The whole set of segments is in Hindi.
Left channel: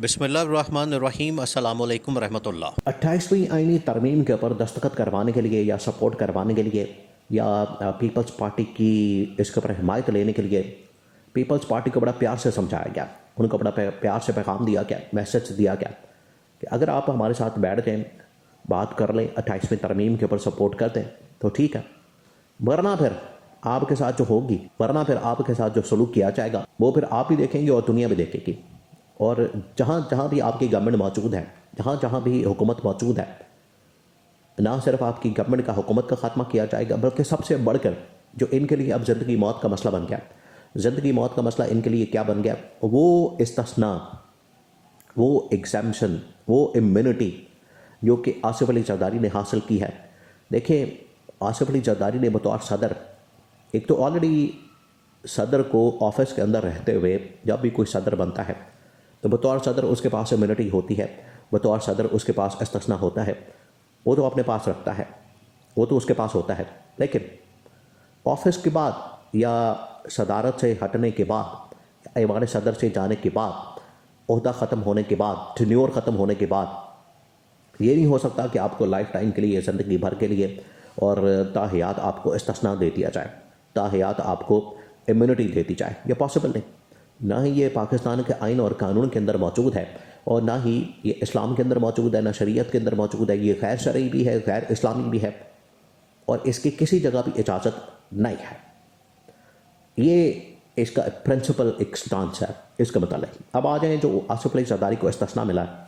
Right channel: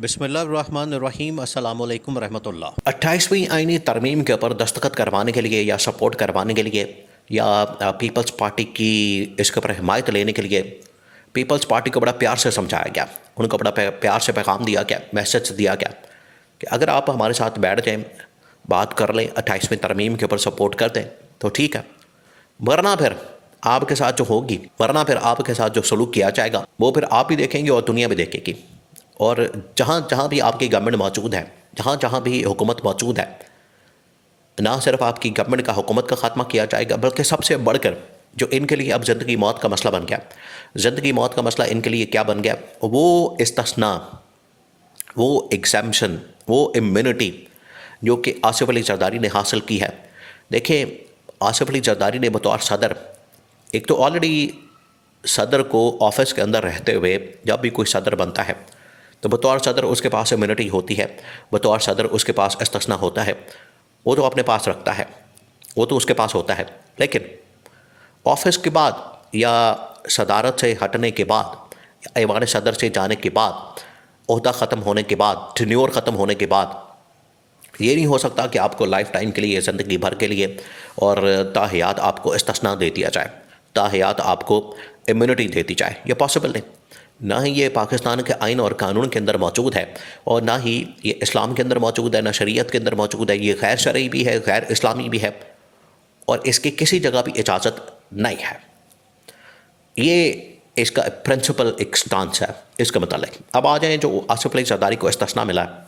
बिस्मिल्लाहिर्रहमानिर्रहीम अस्सलामु अलैकुम रहमतुल्लाह। 28वीं आईनी तरमीम के ऊपर दस्तखत करवाने के लिए या सपोर्ट करवाने के लिए या पीपल्स पार्टी की इसके ऊपर हिमायत लेने के लिए पीपल्स पार्टी को बड़ा प्यार से समझाया गया, उनको बड़ा प्यार से पैगाम दिया गया, मैसेज दिया गया कि अगर आप हमारे साथ बैठ जाएं, बात कर लें, 28वीं तरमीम के ऊपर सपोर्ट कर दें तो ठीक है, वरना फिर आपके साथ जो होगी, वरना फिर आपके साथ जो सलूक किया जाएगा वो फिर आप भी देखेंगे और दुनिया भी देखेगी। और जहाँ जहाँ भी आपकी गवर्नमेंट मौजूद है, जहाँ जहाँ भी हुकूमत मौजूद है, ना सिर्फ आपकी गवर्नमेंट का हुकूमत का ख़ात्मा किया जाएगा, बल्कि सबसे बढ़कर जो इनके लिए अब ज़िंदगी मौत का मसला बन गया, ज़िंदगी मौत का मसला इनके लिए क्या बन गया, वो इस्तिस्ना, वो एग्ज़ैम्पशन, वो इम्यूनिटी जो कि आसिफ अली जरदारी ने हासिल की है। देखिए, आसिफ अली जरदारी ने बतौर सदर, एक तो ऑलरेडी सदर को ऑफिस के अंदर रहते हुए जब भी कोई सदर बनता है तो बतौर सदर उसके पास इम्यूनिटी होती है, बतौर सदर उसके पास इस्तिस्ना होता है, वो तो अपने पास रखता है, वो तो उसके पास होता है। लेकिन ऑफिस के बाद या सदारत से हटने के बाद, ऐवान सदर से जाने के बाद, ओहदा ख़त्म होने के बाद, टेन्योर ख़त्म होने के बाद, ये नहीं हो सकता कि आपको लाइफ टाइम के लिए, ज़िंदगी भर के लिए और ताहयात आपको इस्तिस्ना दे दिया जाए, ताहयात आपको इम्यूनिटी दे दी जाए। ये पॉसिबल नहीं। ना ही ये पाकिस्तान के आइन और कानून के अंदर मौजूद है, और ना ही ये इस्लाम के अंदर मौजूद है, ना शरीयत के अंदर मौजूद है। ये गैर शरई भी है, गैर इस्लामी भी है, और इसकी किसी जगह भी इजाज़त नहीं है। ये इसका प्रिंसिपल एक स्टांस है इसका मतलब। अब आ जाएँ जो आसिफ अली जरदारी को इस्तिस्ना मिला है,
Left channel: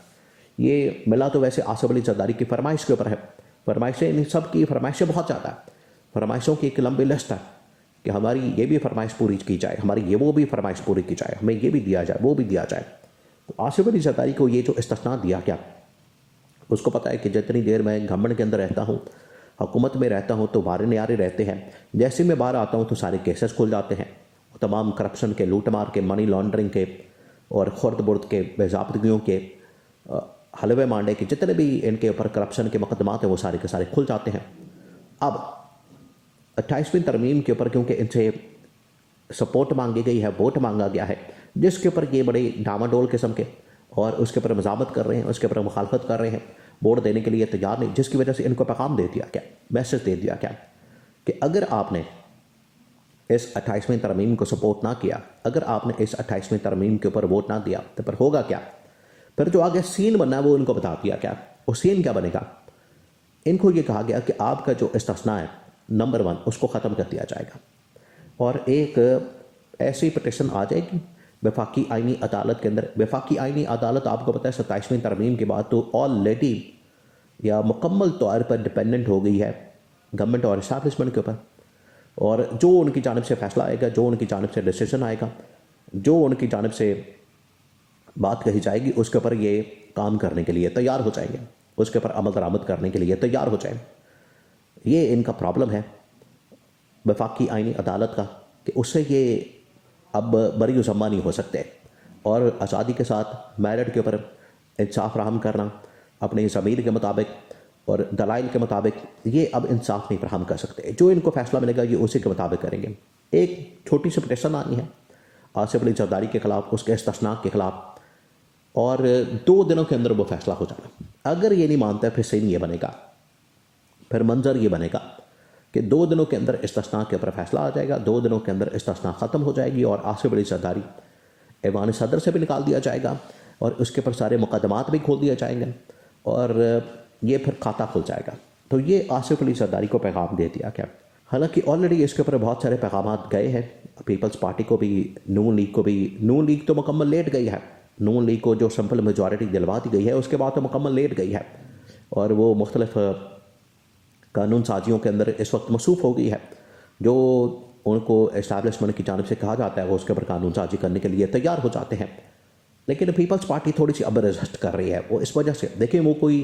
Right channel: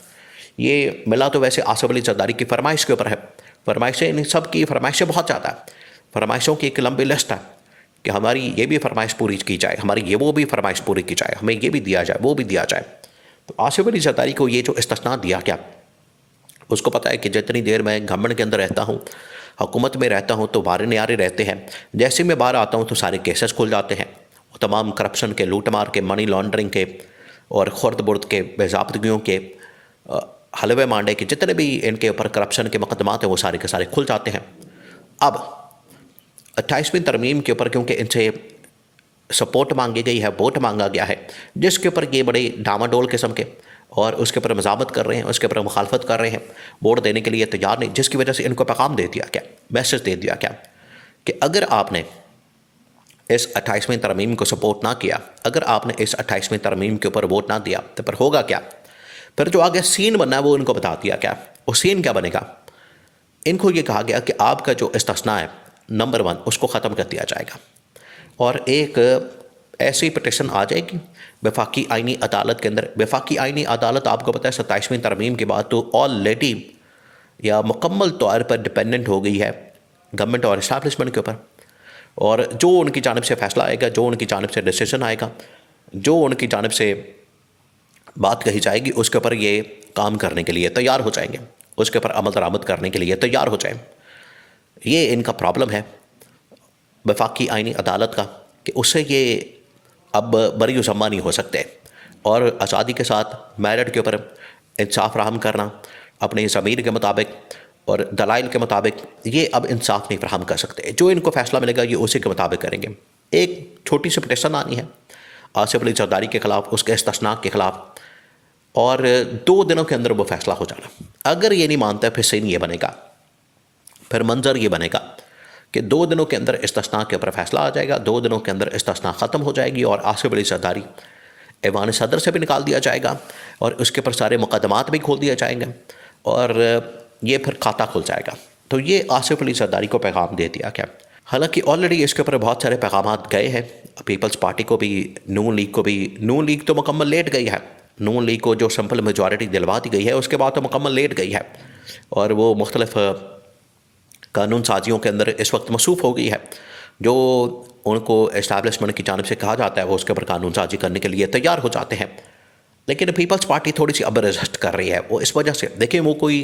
ये मिला तो वैसे आसिफ अली जरदारी की फरमाइश के ऊपर है। फरमाइशें इन सब की फरमाइशें बहुत ज़्यादा है, फरमाइशों की एक लंबी लिस्ट है कि हमारी ये भी फरमाइश पूरी की जाए, हमारी ये वो भी फरमाइश पूरी की जाए, हमें ये भी दिया जाए, वो भी दिया जाए। तो आसिफ अली जरदारी को ये जो इस्तिस्ना दिया गया, उसको पता है कि जितनी देर मैं गवर्नमेंट के अंदर रहता हूँ, हुकूमत में रहता हूँ, तो वारे न्यारे रहते हैं। जैसे मैं बाहर आता हूँ तो सारे केसेस खुल जाते हैं, तमाम करप्शन के, लूट मार के, मनी लॉन्ड्रिंग के और खुर्द बुर्द के, बेज़ाब्तगियों के, हलवे मांडे के, जितने भी इनके ऊपर करप्शन के मुकदमात हैं वो सारे के सारे खुल जाते हैं। अब 28वीं तरमीम के ऊपर क्योंकि इनसे सपोर्ट मांगी गई है, वोट मांगा गया है, जिसके ऊपर ये बड़े डामाडोल किस्म के और उसके ऊपर मज़ामत कर रहे हैं, उसके ऊपर मुखालफत कर रहे हैं, वोट देने के लिए तैयार नहीं, जिसकी वजह से इनको पैगाम दे दिया गया, मैसेज दे दिया गया कि अगर आपने इस 28वीं तरमीम को सपोर्ट ना किया, अगर आपने इस 28वीं तरमीम के ऊपर वोट ना दिया, तो फिर होगा क्या। फिर जो आगे सीन बनना है वो इनको बता दिया गया। वो सीन क्या बनेगा, इनको ये कहा गया कि आपका जो इस्तिस्ना है नंबर 1 उसको ख़त्म कर दिया जाएगा, और एक ऐसी पिटिशन आ जाएगी वफाकी आइनी अदालत के अंदर। वफाकी आइनी अदालत आपको पता है 27वीं तरमीम के बाद तो ऑलरेडी या मुकम्मल तौर पर डिपेंडेंट हो गई है गवर्नमेंट और इस्टेब्लिशमेंट के ऊपर, और जो उनकी जानिब से फ़ैसला आएगा, जो उनकी जानिब से डिसीजन आएगा, जो उनकी जानिब से बात कही जाएगी, उसके ऊपर ये काम करने के लिए तैयार हो जाएंगे, उसके ऊपर अमल दरामद करने के लिए तैयार हो जाएं। ये इनका प्रॉब्लम है वफाकी आइनी अदालत का कि उससे ये अब बरी ज़म्मा नहीं हो सकते, और आज़ादी के साथ मेरिट के ऊपर इंसाफ फराहम करना अपने ज़मीर के मुताबिक और दलाइल के मुताबिक, ये अब इंसाफ नहीं फराहम कर सकते। जो इनको फ़ैसला मिलेगा ये उसी के मुताबिक करेंगे। एक छोटी सी पिटिशन आनी है आसिफ अली जरदारी के ख़िलाफ़, उसके इस्तिस्ना के ख़िलाफ़, और 2 दिनों के अंदर वो फ़ैसला हो जाना। अगर ये नहीं मानता फिर सीन ये बनेगा, फिर मंजर ये बनेगा कि 2 दिनों के अंदर इस्तिस्ना के ऊपर फ़ैसला आ जाएगा, 2 दिनों के अंदर इस्तिस्ना ख़त्म हो जाएगी, और आसिफ अली जरदारी ऐवान सदर से भी निकाल दिया जाएगा, और उसके ऊपर सारे मुकदमात भी खोल दिए जाएंगे, और ये फिर खाता खुल जाएगा। तो ये आसिफ अली जरदारी को पैगाम दे दिया गया। हालांकि ऑलरेडी इसके ऊपर बहुत सारे पैगाम गए हैं, पीपल्स पार्टी को भी, नून लीग को भी। नून लीग तो मुकम्मल लेट गई है, नून लीग को जो सिंपल मेजॉरिटी दिलवा दी गई है उसके बाद तो मुकम्मल लेट गई है, और वो मुख्तलिफ कानून साजियों के अंदर इस वक्त मसरूफ़ हो गई है। जो उनको इस्टेब्लिशमेंट की जानिब से कहा जाता है वो उसके ऊपर कानून साजी करने के लिए तैयार हो जाते हैं। लेकिन पीपल्स पार्टी थोड़ी सी अब रेजिस्ट कर रही है। वो इस वजह से, देखिए, वो कोई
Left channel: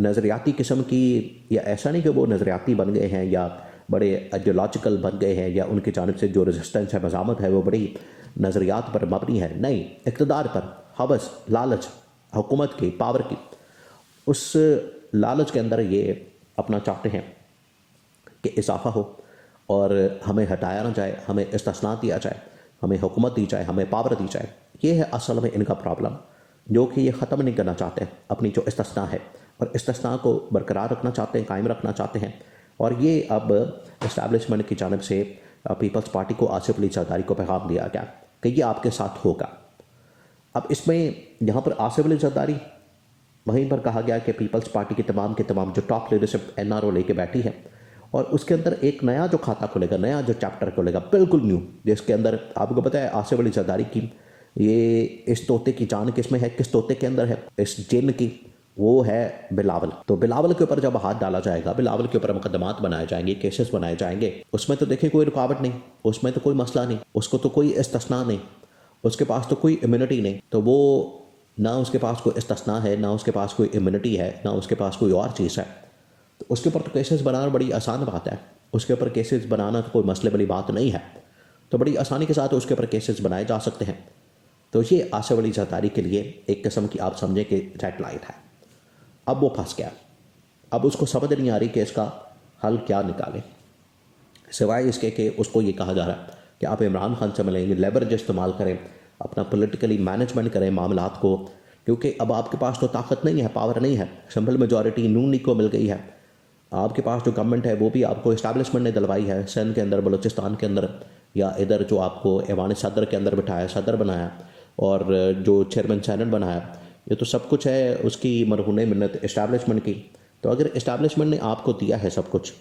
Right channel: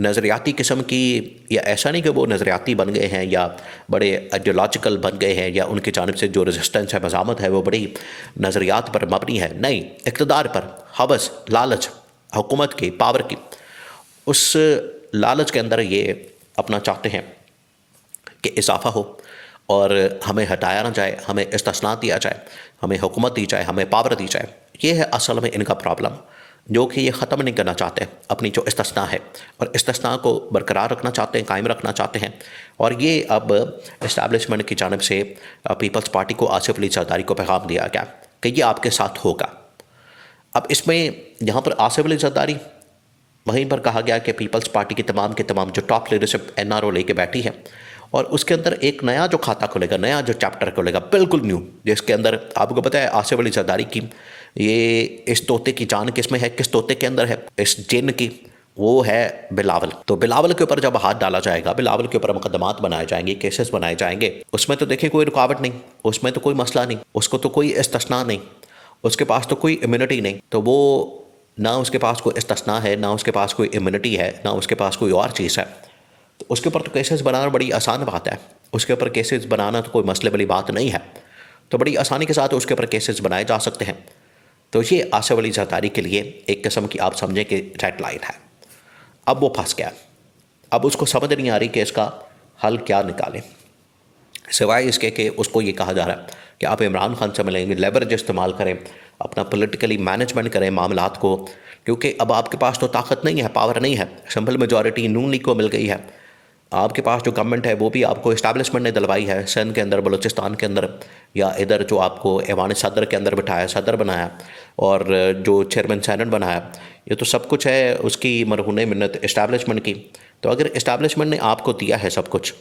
नज़रियाती किस्म की, या ऐसा नहीं कि वो नज़रियाती बन गए हैं या बड़े आइडियोलॉजिकल बन गए हैं, या उनकी जानिब से जो रेजिस्टेंस है, मज़ामत है, वो बड़ी नज़रियात पर मबनी है। नहीं, इक़्तिदार पर, हवस, लालच, हुकूमत की, पावर की, उस लालच के अंदर ये अपना चाहते हैं कि इजाफा हो और हमें हटाया ना जाए, हमें इस्तिस्ना दिया जाए, हमें हुकूमत दी जाए, हमें पावर दी जाए। ये है असल में इनका प्रॉब्लम, जो कि ये ख़त्म नहीं करना चाहते अपनी जो इस्तिस्ना है, और इस्तिस्ना को बरकरार रखना चाहते हैं, कायम रखना चाहते हैं। और ये अब इस्टेब्लिशमेंट की जानिब से पीपल्स पार्टी को आसिफ अली जरदारी को पैगाम दिया गया कि ये आपके साथ होगा। अब इसमें यहाँ पर आसिफ अली जरदारी, वहीं पर कहा गया कि पीपल्स पार्टी की तमाम के तमाम जो टॉप लीडरशिप एनआरओ लेके बैठी है, और उसके अंदर एक नया जो खाता खुलेगा, नया जो चैप्टर खुलेगा, बिल्कुल न्यू, जिसके अंदर आपको पता है आसिफ अली जरदारी की ये इस तोते की जान किस में है, किस तोते के अंदर है, इस जिन की, वो है बिलावल। तो बिलावल के ऊपर जब हाथ डाला जाएगा, बिलावल के ऊपर मुकदमात बनाए जाएंगे, केसेस बनाए जाएंगे, उसमें तो देखिए कोई रुकावट नहीं, उसमें तो कोई मसला नहीं, उसको तो कोई इस्तिस्ना नहीं, उसके पास तो कोई इम्यूनिटी नहीं। तो वो ना उसके पास कोई इस्तिस्ना है, ना उसके पास कोई इम्यूनिटी है, ना उसके पास कोई और चीज़ है। तो उसके ऊपर तो केसेस बनाना बड़ी आसान बात है, उसके ऊपर केसेस बनाना तो कोई मसले वाली बात नहीं है। तो बड़ी आसानी के साथ उसके ऊपर केसेस बनाए जा सकते हैं। तो ये आसिफ अली जरदारी के लिए एक किस्म की आप समझें कि रेड लाइन है। अब वो फंस गया, अब उसको समझ नहीं आ रही कि इसका हल क्या निकालें, सिवाय इसके कि उसको ये कहा जा रहा है कि आप इमरान खान से मिलेंगे, लेवरेज इस्तेमाल करें, अपना पॉलिटिकली मैनेजमेंट करें मामलात को, क्योंकि अब आपके पास तो ताकत नहीं है, पावर नहीं है, सिंपल मेजॉरिटी नून लीग को मिल गई है। आपके पास जो गवर्नमेंट है वो भी आपको इस्टेब्लिशमेंट ने दिलवाई है, सिंध के अंदर, बलूचिस्तान के अंदर, या इधर जो आपको ऐवान सदर के अंदर बिठाया, सदर बनाया, और जो चेयरमैन सेनेट बनाया, ये तो सब कुछ है उसकी मरहून मिन्नत इस्टेब्लिशमेंट की। तो अगर इस्टेब्लिशमेंट ने आपको दिया है सब कुछ,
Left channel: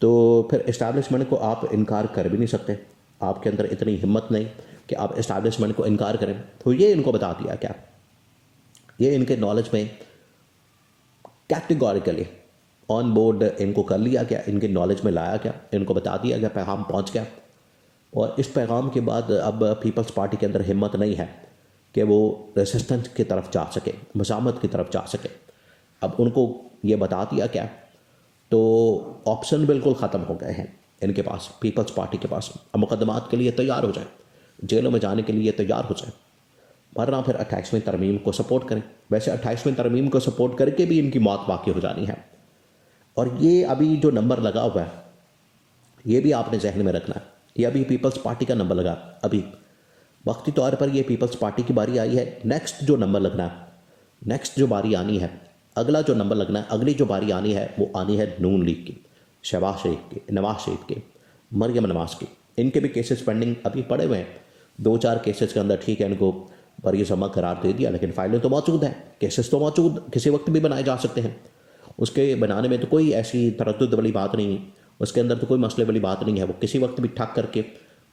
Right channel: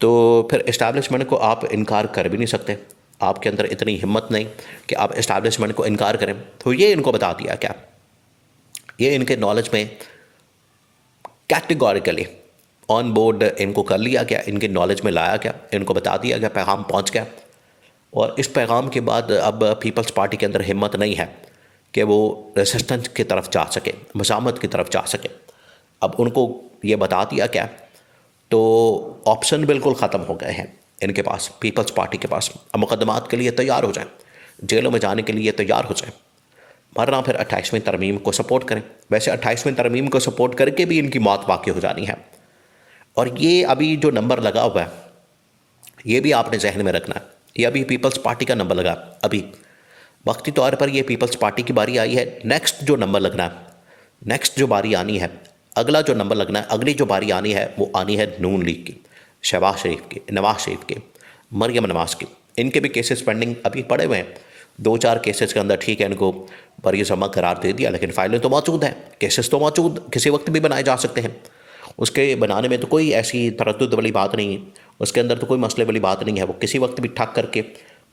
तो फिर इस्टेब्लिशमेंट को आप इनकार कर भी नहीं सकते। आपके अंदर इतनी हिम्मत नहीं कि आप इस्टेब्लिशमेंट को इनकार करें। तो ये इनको बता दिया क्या, ये इनके नॉलेज में कैटेगोरिकली ऑन बोर्ड इनको कर लिया गया, इनके नॉलेज में लाया गया, इनको बता दिया गया, पैगाम पहुंच गया। और इस पैगाम के बाद अब पीपल्स पार्टी के अंदर हिम्मत नहीं है कि वो रेसिस्टेंस की तरफ जा सके, मज़ामत की तरफ जा सके। अब उनको ये बता दिया क्या, तो ऑप्शन बिल्कुल ख़त्म हो गए हैं इनके पास, पीपल्स पार्टी के पास। अब मुकदमात के लिए तैयार हो जाएं, जेलों में जाने के लिए तैयार हो जाएं, वरना फिर 28वीं तरमीम को सपोर्ट करें। वैसे 28वीं तरमीम को सपोर्ट करके भी इनकी मौत वाक़ई हो जानी है। और ये अभी जो नंबर लगा हुआ है, ये भी आपने जहन में रखना है, ये अभी पीपल्स पार्टी का नंबर लगा, अभी वक्ती तौर पर ये पीपल्स पार्टी की बारी आई है। नेक्स्ट जो नंबर लगना है, नेक्स्ट जो बारी आनी है, अगला जो नंबर लगना है, अगली जो बारी आनी है, वो आनी है नून लीग की, शहबाज शरीफ की, नवाज शरीफ की, मरियम नवाज की। इनके भी केसेस पेंडिंग अभी पड़े हुए हैं, 2-4 केसेस के अंदर ठीक है इनको बरी जमा करार दे दिया, लेकिन फाइलें तो मौजूद हैं, केसेस तो मौजूद, किसी वक्त भी बनाए जा सकते हैं। उसके बनाने में तो कोई ऐसी तरद्दुद वाली बात नहीं है, उसके अंदर तो कोई मसले वाली बात नहीं है। वो किसी वक्त भी ठक करके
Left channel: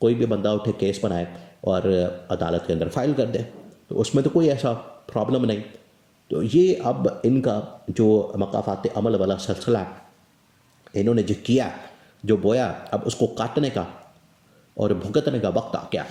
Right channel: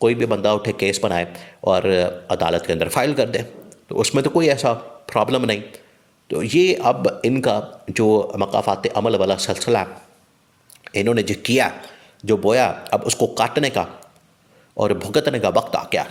कोई भी बंदा उठे, केस बनाए और अदालत के अंदर फाइल कर दे, तो उसमें तो कोई ऐसा प्रॉब्लम नहीं। तो ये अब इनका जो मकाफात अमल वाला सिलसिला इन्होंने जो किया, जो बोया, अब उसको काटने का और भुगतने का वक्त आ गया।